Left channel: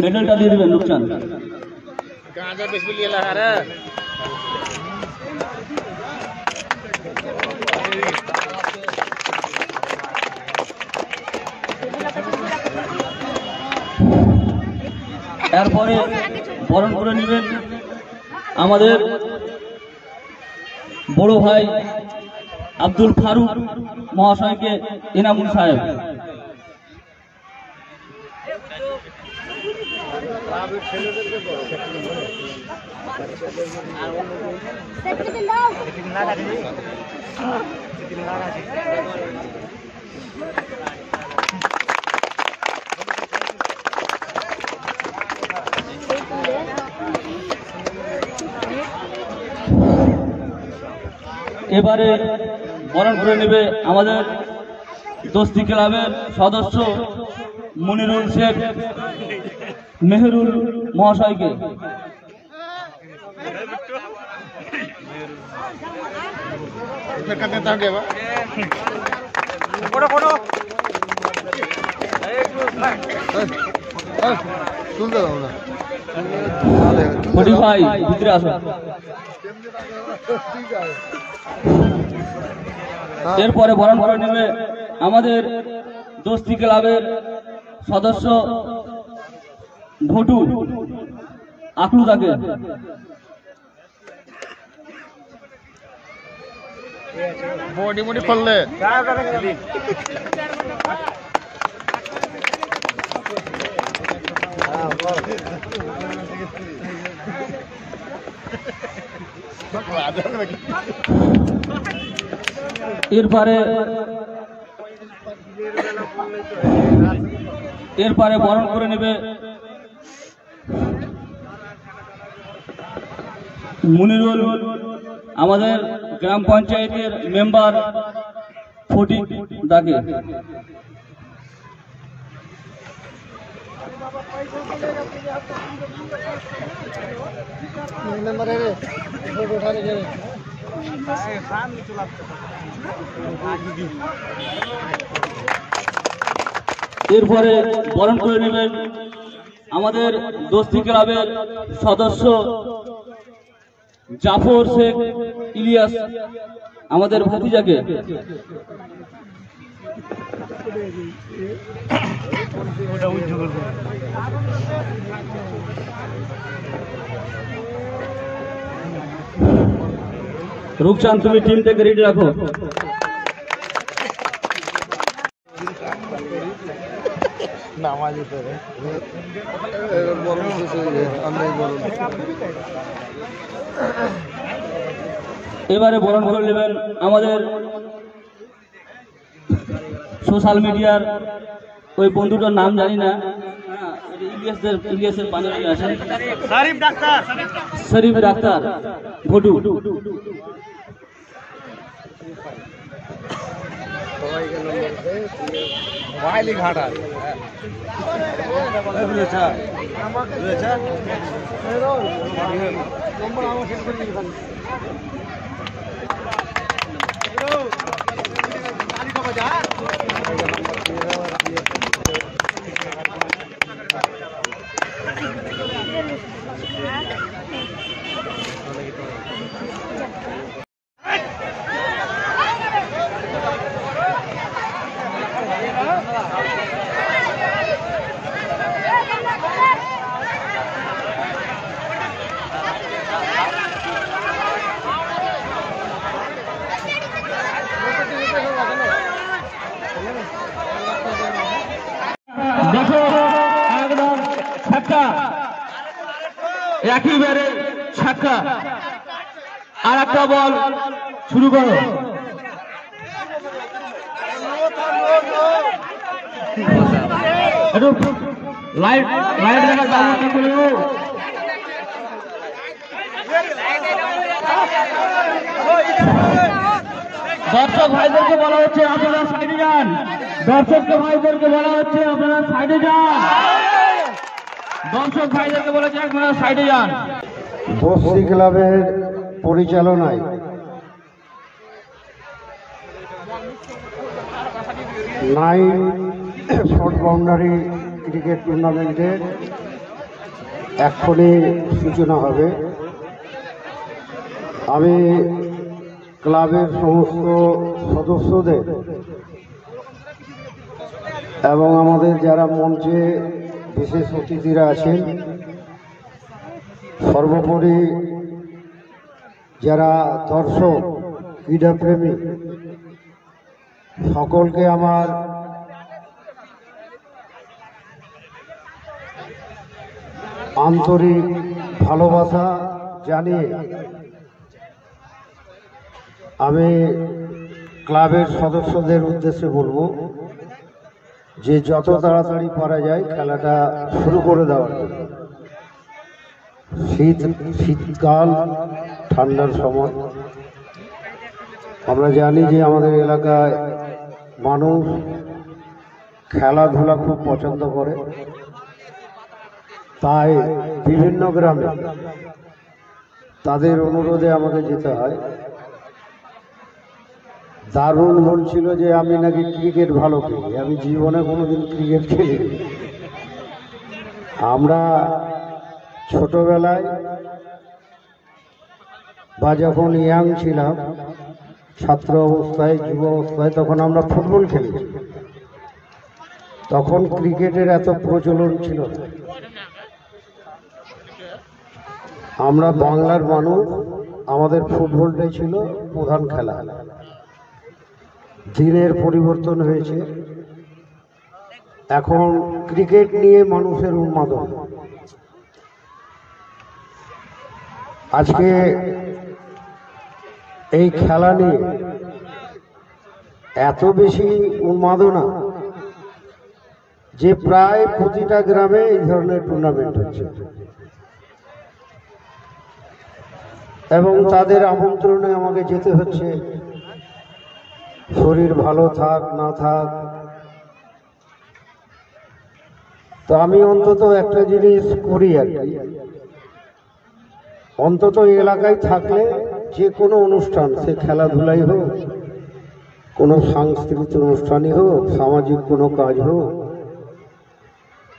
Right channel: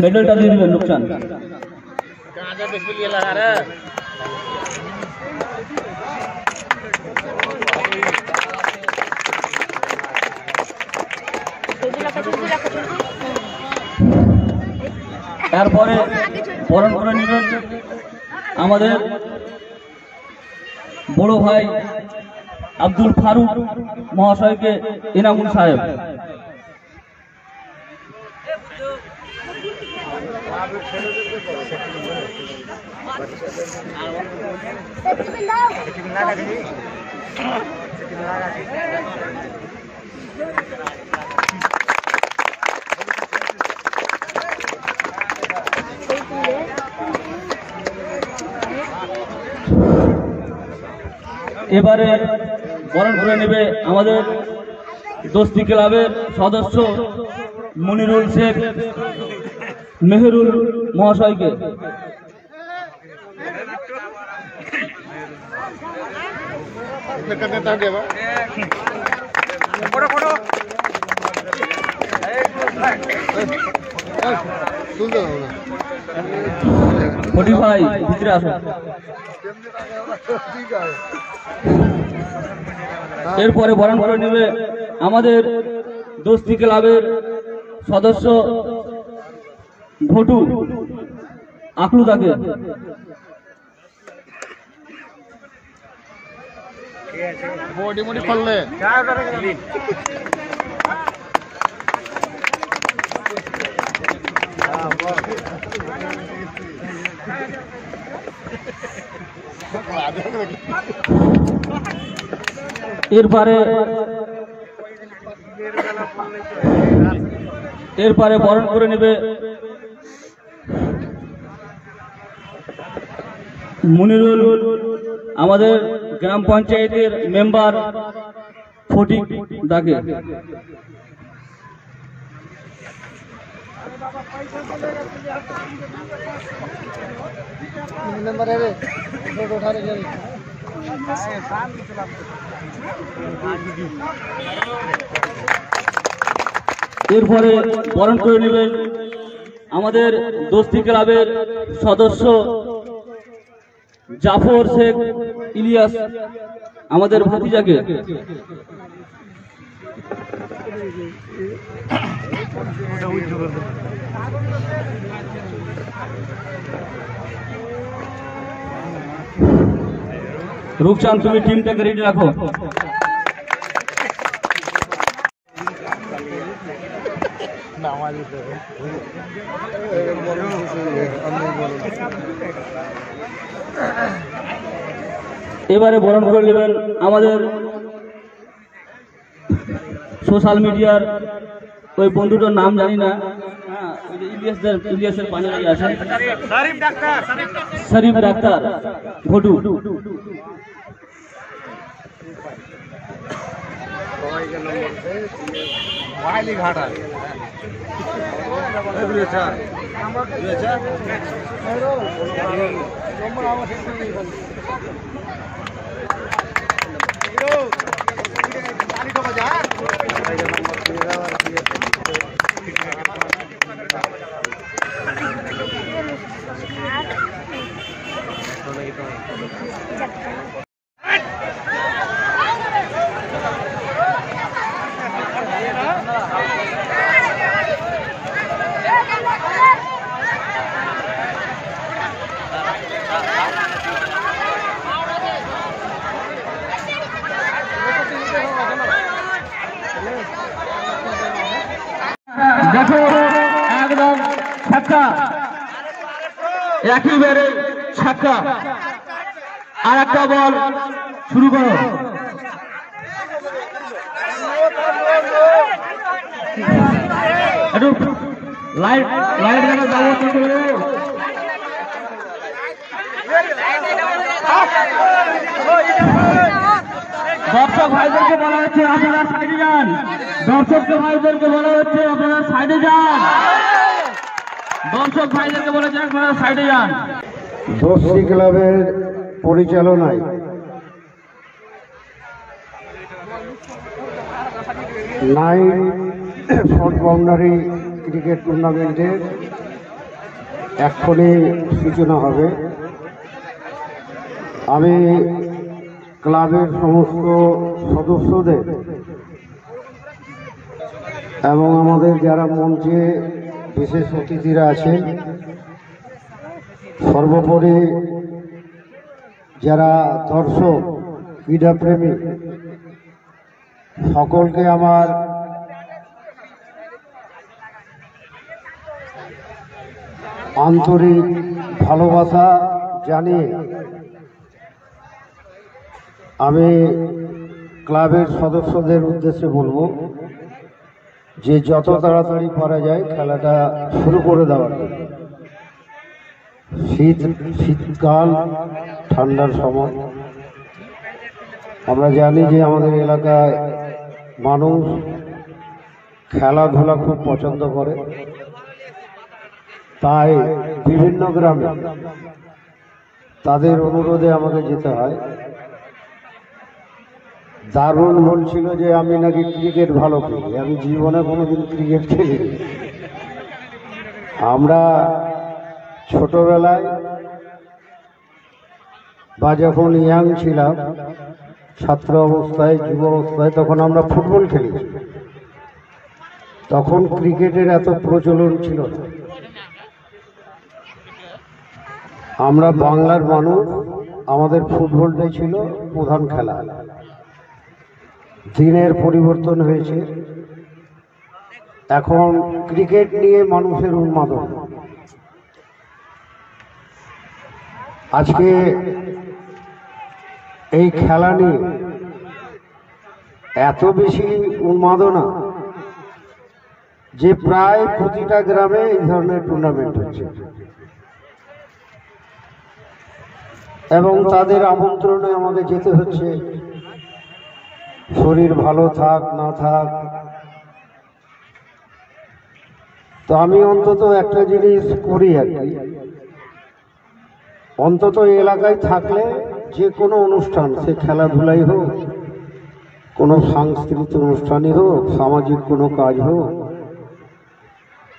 মেডেলটা দিয়ে দিবেন লোকচান। তারপরে বরণ করে নেবেন আমাদের বড় ভাই আব্দুল ফারুক মহাশয়কে ইনামুল সাহেব। এবারে বরণ করে নেবে আমাদের দোস্তি ক্লাবের সদস্য মনিরুল শেখ মেহেরুল মহাশয়কে। ফটি ভাই ভিতরে আসো। এরপরে বরণ করে নেবে আমাদের দোস্তি ক্লাবের সদস্য ভটু আকলুদাকে। এরপরে বরণ করে নেবে মনিরুল আমাদের গ্রাম পঞ্চায়েতের মেম্বার ফটিক দাকে। এরপরে বরণ করে নেবেন আমাদের দোস্তি ক্লাবের সদস্য জাফর শেখ ইলিয়াস আমাদের ভাতিজাকে। রূপচাঁদ তুমি টিমটাকে রেডি রাখো। এবারে বরণ করে নেবেন আমাদের সোশ্যাল মিডিয়ার ওই বন্ধুটার নাম জানি না, ইলিয়াসের পাঞ্জাবি আছে, শরীফ ডাক্তার ভটু। দেখো একদম ছক্কা, একেবারে ছক্কা। আর একটা বল শুরু করো। লাইট লাইট দেখা ব্যবস্থা করো। দর্শক ভাইদেরকে বলা হচ্ছে আপনারা সাইডে যান। দর্শক ভাইদেরকে বলা হচ্ছে আপনারা সাইডে যান। দর্শক ভাইদেরকে বলেছে আপনারা সাইডে যান। দোস্তি ক্লাবের পরিচালনায় নাইট শর্ট বাউন্ডারি ক্রিকেট টুর্নামেন্টের এক্ষুনি সূচনা হবে। আমি ক্লাবের সমস্ত সদস্যদের এবং আমাদের যারা মঞ্চে বিশেষ অতিথিরা আছেন, সর্বোপরি যারা দর্শক ক্রীড়াপ্রেমী সকলকে আমার আন্তরিক ভালোবাসা জানিয়ে আমি ক্লাবের সদস্যদের উদ্দেশ্যে বলবো যে যত তাড়াতাড়ি করা যায় খেলাটা শুরু করে দেওয়ার জন্য। শীতকাল, ঠান্ডার সময়, আমরা জানি যে আমাদের এলাকায় মানুষ খেলাধুলা খুব পছন্দ করে, তাই বিভিন্ন গ্রামে তাদের অনুরোধে আমাকে যেতে হয়। দারুণ বলছিল যে আমি নাকি ক্রিকেট ভালো খেলি, আমি জীবনে কোনোদিন ক্রিকেট খেলিনি। আমরা ছোটবেলায় বা যখন ইয়াং ছিলাম, ছাত্র অবস্থায়, যুব অবস্থায়, তখন আমরা ফুটবল খেলি। তখন ক্রিকেটের এত প্রচলন ছিল না। আমরা বাংলার মানুষ, আমাদের ফুটবলটাই ছিল প্রধান খেলা। দিনের পরিবর্তন হয়েছে, এখন ক্রিকেট নিয়ে মানুষের উন্মাদনা। আজকে এই খেলা নিয়ে এত বেশি উন্মাদনা যে প্রায় প্রতিটা গ্রামে এই ধরনের টুর্নামেন্ট হচ্ছে এবং তাদের আমন্ত্রণে আমাকে যেতে হচ্ছে। শরীর ভালো থাক না থাক, তো আমি অন্তত একটা জিনিস করি আর কি, অন্তত এলাকায় থাকলে যে কোনো অনুষ্ঠান, সে খেলাধুলাই হোক, কোনো সাংস্কৃতিক অনুষ্ঠানই হোক, সামাজিক কোনো কাজ হোক,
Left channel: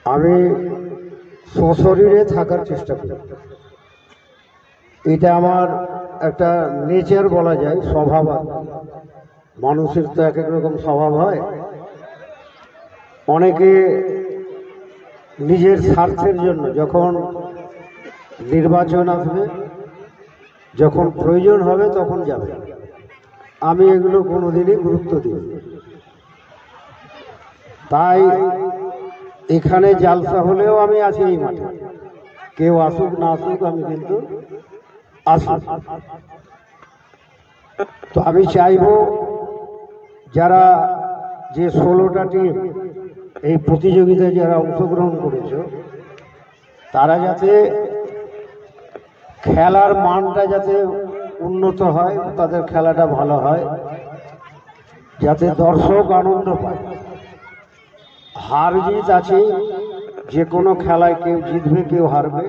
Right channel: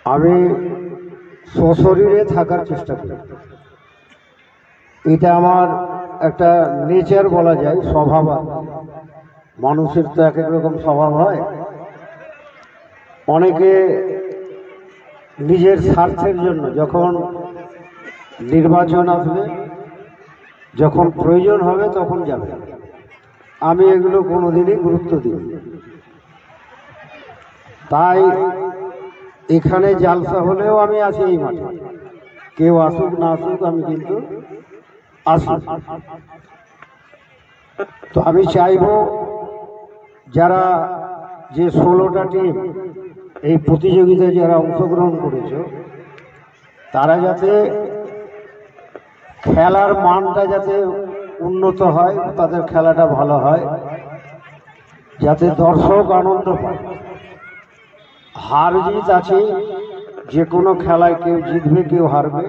আমি সশরীরে থাকার চেষ্টা করি। এটা আমার একটা নেচার বলা যায়, স্বভাব। মানুষের তো এক এক রকম স্বভাব হয়। অনেকে নিজের স্বার্থের জন্য যখন নির্বাচন আসবে, যখন প্রয়োজন হবে তখন যাবে। আমি এগুলো কোনোদিনই গুরুত্ব দিই। তাই এখানে জালসা হলেও আমি আছি এই মাঠে, কেউ আসুক না আসুক আমি কিন্তু আসি। তো আমি চাইব যারা যে 16টা টিম এই প্রতিযোগিতায় যারা অংশগ্রহণ করেছে, তারা যাতে খেলার মানটা যাতে উন্নত হয়, তাদের খেলাটা ভালো হয়, যাতে দর্শক আনন্দ পায়। হার জিত আছে, যে কোনো খেলায় কেউ জিতবে কেউ হারবে,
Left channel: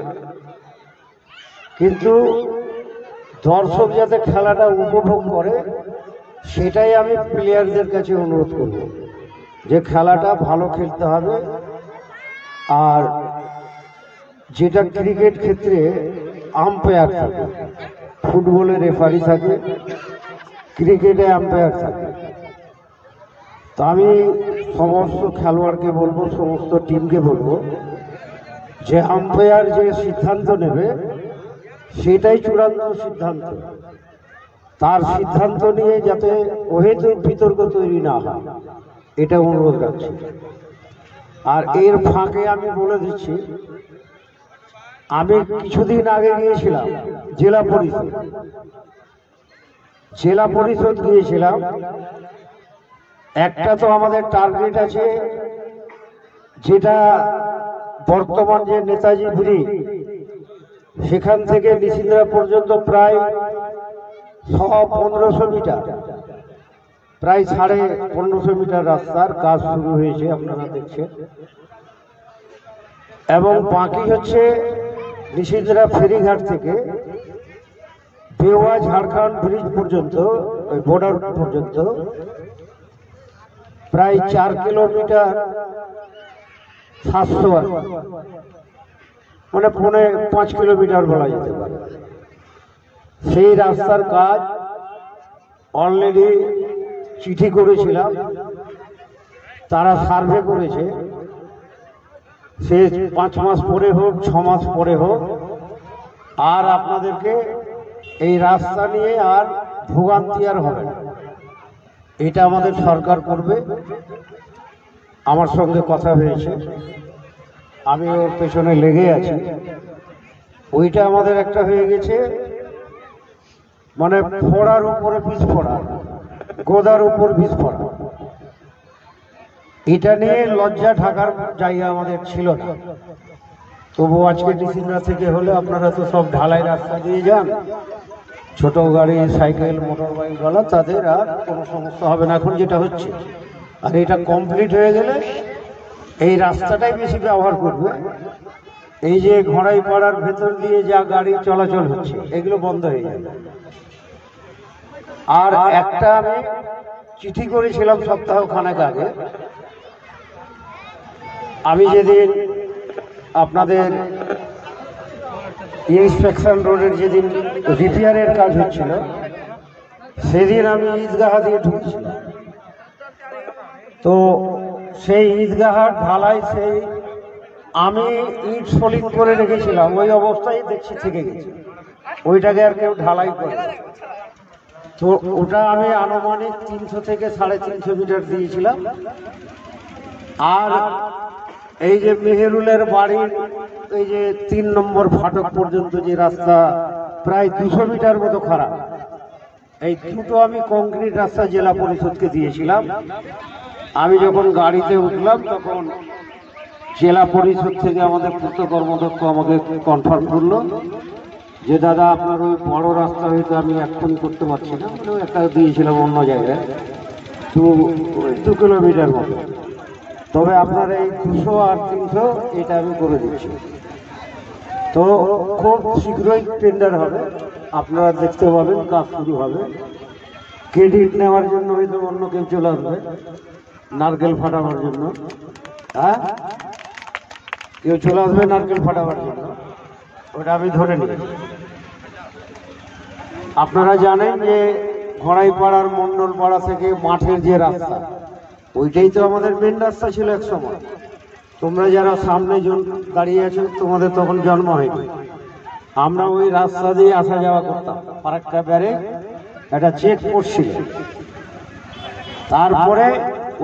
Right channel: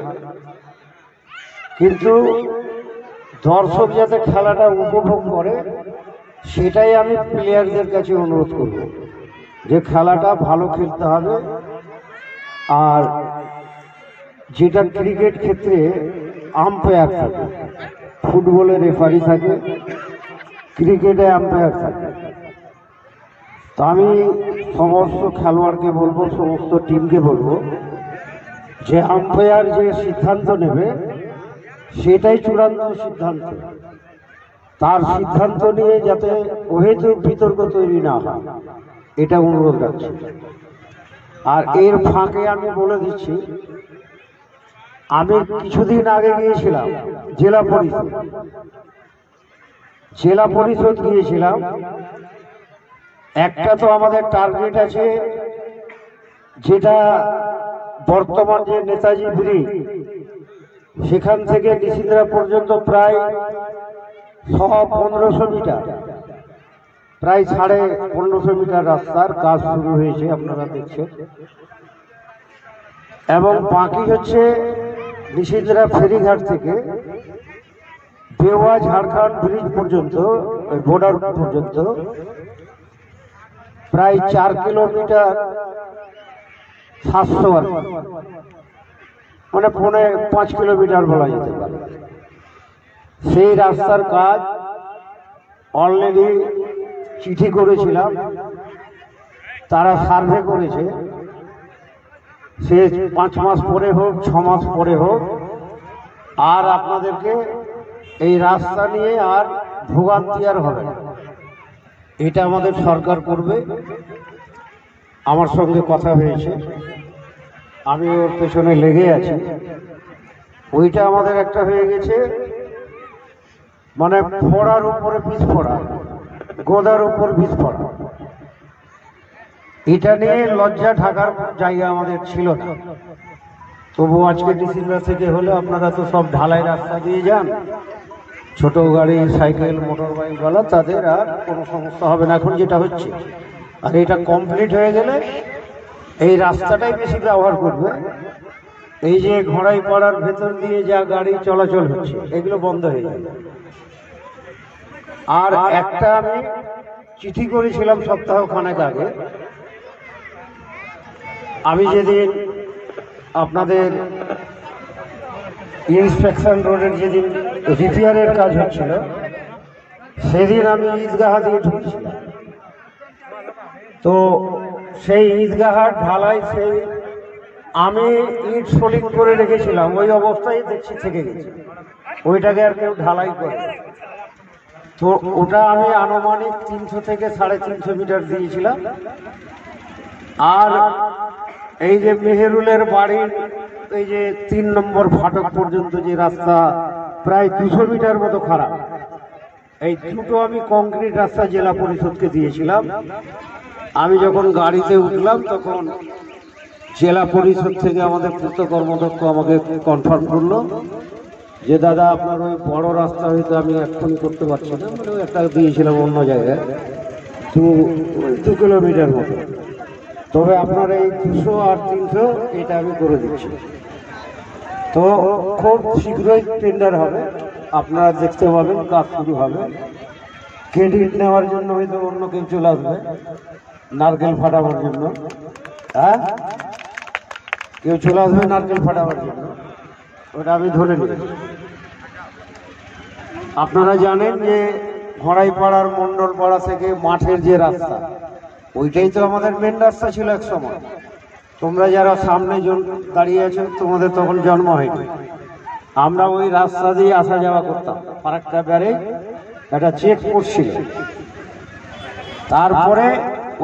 কিন্তু দর্শক যাতে খেলাটা উপভোগ করে, সেটাই আমি প্লেয়ারদের কাছে অনুরোধ করব যে খেলাটা ভালো খেলতে হবে। আর যেটা ক্রিকেট ক্ষেত্রে আম্পায়ার থাকে, ফুটবলে রেফারি থাকে, ক্রিকেটে আম্পায়ার থাকে। তো আমি সমস্ত খেলোয়াড়কে বলবো, সমস্ত টিমকে বলবো যে আম্পায়ার যে সিদ্ধান্ত নেবে সেটাই চূড়ান্ত সিদ্ধান্ত। তার সিদ্ধান্ত নিয়ে যাতে অহেতুক বিতর্ক তৈরি না হয়, এটা অনুরোধ রাখছি। আর এর ফাঁকে আমি বলে দিচ্ছি, আমি কিছুদিন আগে গিয়েছিলাম জেলা পরিষদ গিয়েছিলাম। একটা তো আমাদের টার্গেট আছে, যেটা বর্তমান যে নেতাজি ব্রিজ, সেখান থেকে নিশিন্দ্রা পর্যন্ত প্রায় 1500 মিটার, প্রায় 1550 মিটার রাস্তার কাজ শুরু হয়েছে, আপনারা দেখছেন। এবং বাকি হচ্ছে নিশিন্দ্রা ফেরিঘাট থেকে বেওয়া ঝাড়খণ্ড ব্রিজ পর্যন্ত ওই বর্ডার পর্যন্ত প্রায় 4 কিলোমিটার 700 মানে 5 কিলোমিটার বলা যেতে পারে। সেই রাস্তার কাজ অলরেডি চিঠি করেছিলাম, তারা সার্ভে করেছে। সে 5 মাস পরে হোক 6 মাস পরে হোক, আর আপনাদেরকে এই রাস্তা নিয়ে আর ভোগান্তি আর হবে না, এটা আমাদের সরকার করবে। আমার সঙ্গে কথা হয়েছে, আমি ওর পেছনে লেগে আছি। ওইটা আমাদের একটা হয়ে গেছে, মানে ফোড়ার উপরে বীজ ফোড়া, গোদার উপর বীজ ফোড়া। এটা নিয়ে লজ্জা ঢাকার জায়গা আমাদের ছিল না। তবু আজকে ডিসিরা থেকে হলো, আপনারা তো সব ঢালাই রাস্তা দিয়ে যান, ছোট গাড়ি, সাইকেল, মোটর বাইক বলা, তাদের আর কোনো সমস্যা হবে না এখন যেটা হচ্ছে। আর এটা কমপ্লিট হয়ে গেলে এই রাস্তাটাই বেশি ব্যবহার করবে। এই যে ঘড়াই পাড়ার ভেতর দিয়ে যা গাড়ি চলাচল হচ্ছে, এগুলো বন্ধ হয়ে যাবে। আর একটা আমি চিঠি করেছিলাম সপ্তাহখানেক আগে, আমি যেদিন আপনাদের ইন্সপেকশন রোডের যেদিন রিপেয়ারের কাজ হচ্ছিল, সেদিন আমি ঈদগাহ দিয়ে ঢুকছিলাম। তো সেই ঈদগাহার ঢালাই সেই আমি ইট সলিড করে রেখেছিলাম, ওই অবস্থায় দেখছি থেকে গেছে, ওইটাকে আর কেউ ঢালাই করে। তো ওটা আমি আনুমানিক 300 থেকে 350 মিটার দিয়েছিলাম। আর এই যে মেহেরুলের বাড়ির এই যে 3 নম্বর ফাটক পর্যন্ত যে রাস্তা প্রায় 200 মিটার মতো খারাপ, এই দুটো আমি কংক্রিট রাস্তা জেলা পরিষদকে দিয়েছিলাম। আমি যখন গাড়িতে উঠলাম তখন জেলা পরিষদ থেকে আমাদের পূর্ত কর্মদক্ষ আমাকে কনফার্ম করলো যে দাদা আপনার ওই বড় রাস্তা হয়তো আমি এখন করতে পারছি না, মানে একটা দিয়েছিলাম অন্য জায়গায় 2 কিলোমিটার মতো, তবে আপনার এই 200 আর 300 এটা আমি করে দিচ্ছি। তো খুব শীঘ্রই টেন্ডার হবে, আপনারা দেখতে পাবেন, কাজ শুরু হবে। ক্রেডিট নেওয়ার জন্য হয়তো অন্য কেউ চলে আসবে, নারকেল ফাটাবার জন্য। হ্যাঁ, কেউ চলে আসবে নারকেল ফাটাবার জন্য, ওটা আমি ধরে নিই। আপনারা জানেন যে ঘড়াইপাড়ার মন্ডলপাড়া থেকে মাঠের যে রাস্তা, ওইটাই তো আমাদের মেন রাস্তা ছিল এক সময়। তোমরা যারা সামনে দাঁড়িয়ে আছো, তোমাদের তখন জন্ম হয়নি। আমরা ওই রাস্তা দিয়ে আসা যাওয়া করতাম। আরেকটা ব্যারে এটা চেক করছিল। তারপরে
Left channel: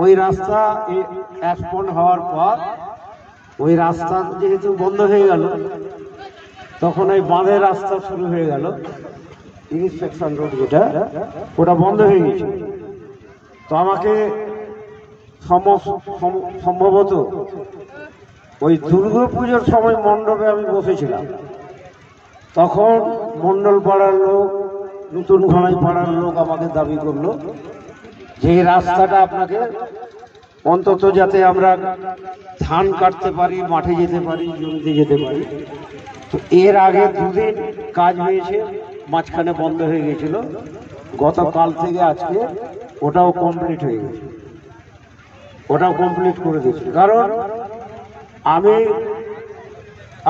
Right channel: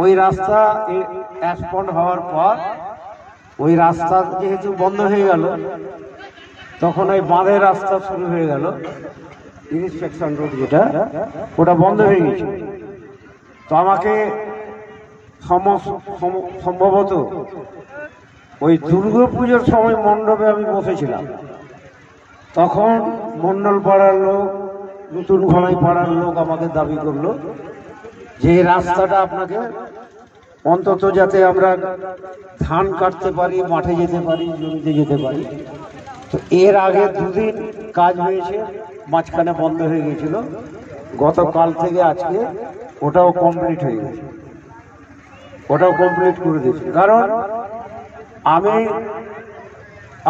ওই রাস্তা অ্যাসফল্ট হওয়ার পর ওই রাস্তা যেহেতু বন্ধ হয়ে গেল, তখন ওই বাঁধের রাস্তা শুরু হয়ে গেল, ইন্সপেকশন রোড যেটা, ওটা বন্ধ হয়ে গেছে। তো আমাকে সম্ভবত ওই দুর্গাপুজোর সময় মণ্ডপে আমি বসেছিলাম, তখন মন্ডল পাড়ার লোক, নতুন ঘড়াই পাড়ার লোক আমাকে দাবি করলো যে এই রাস্তাটা আপনাকে অন্তত যাতে আমরা ধান কাটতে পারি, মাঠে যেতে পারি, জমিতে যেতে পারি। তো এর আগে 2 দিন কাজ হয়েছে, মাঝখানে বন্ধ হয়ে গেছিল। গতকাল থেকে আজকে ওটাও কমপ্লিট হয়ে গেছে, ওটাও কমপ্লিট করে দিয়েছি। কারণ আমি,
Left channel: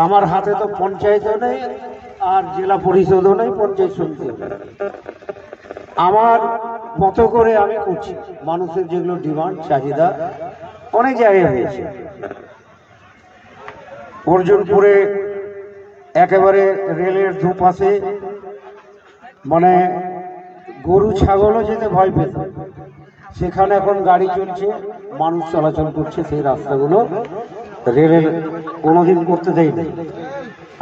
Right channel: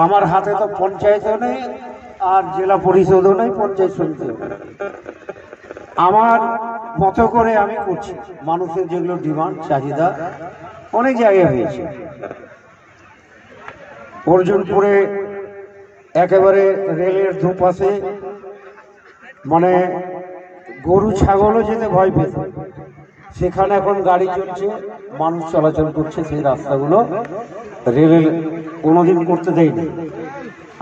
আমার হাতে তো পঞ্চায়েতও নেই আর জেলা পরিষদও নেই, পঞ্চায়েত সমিতিও নেই। আমার মতো করে আমি করছি। মানুষের যেগুলো ডিমান্ড, চাহিদা অনেক জায়গায় হয়েছে। অর্জুনপুরে একেবারে রেলের দুপাশে, মানে গরু ছাগলও যেতে ভয় পেত, সেখানে এখন গাড়ি চলছে, মানুষ চলাচল করছে। সেই রাস্তাগুলো রেলের কোনোদিন করতে দেয়নি।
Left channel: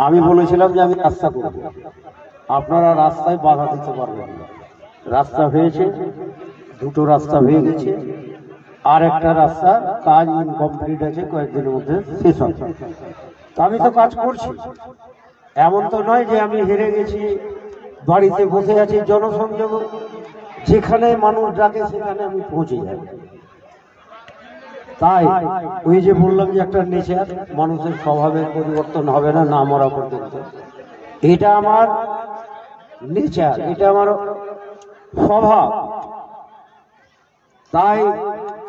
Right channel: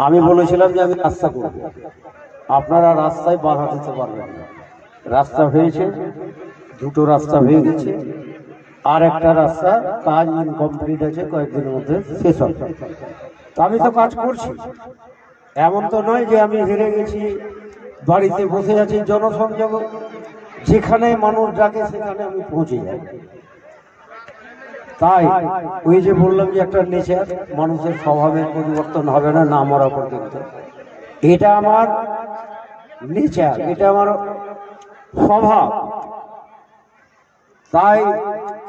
আমি বলেছিলাম যে আমি রাস্তা করব, আপনারা রাস্তায় বাধা দিতে পারবেন না। রাস্তা হয়েছে, 2টো রাস্তা হয়ে গেছে, আর একটা রাস্তা কাজ ইনকমপ্লিট আছে, কয়েকদিনের মধ্যে শেষ হবে। তা আমি তো কাজ করছি, এমন তো নয় যে আমি হেরে গেছি, বাড়িতে বসে আছি। জনসংযোগ যেখানে মানুষ ডাকে সেখানে আমি পৌঁছে যাই। তাই ওই যে বললাম যে একটা নেচার, মানুষের স্বভাবের পরিবর্তন হবে না না মরা পর্যন্ত। এটা আমার নেচার, এটা আমার স্বভাব, তাই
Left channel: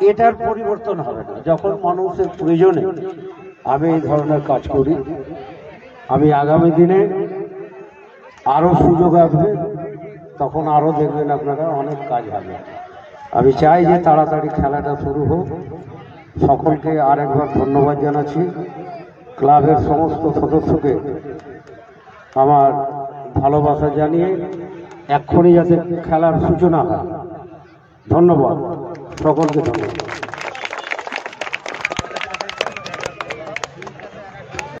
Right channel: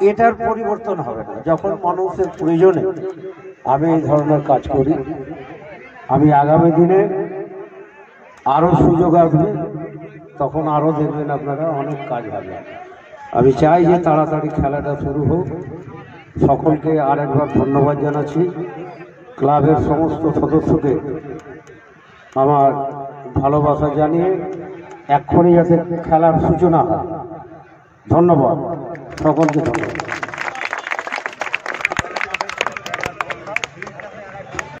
এটার পরিবর্তন হবে না। যখন মানুষের প্রয়োজনে আমি এই ধরনের কাজ করি, আমি আগামী দিনে আরো সুযোগ আসবে, তখন আরো দেখবেন আপনারা অনেক কাজ হবে। আমি চাই যে তাড়াতাড়ি খেলাটা শুরু হোক। সকলকে আরেকবার ধন্যবাদ জানাচ্ছি। ক্লাবের সমস্ত সদস্যকে আমার ভালোবাসা জানিয়ে এক্ষুনি যাতে খেলার সূচনা হয়। ধন্যবাদ সকলকে, ধন্যবাদ।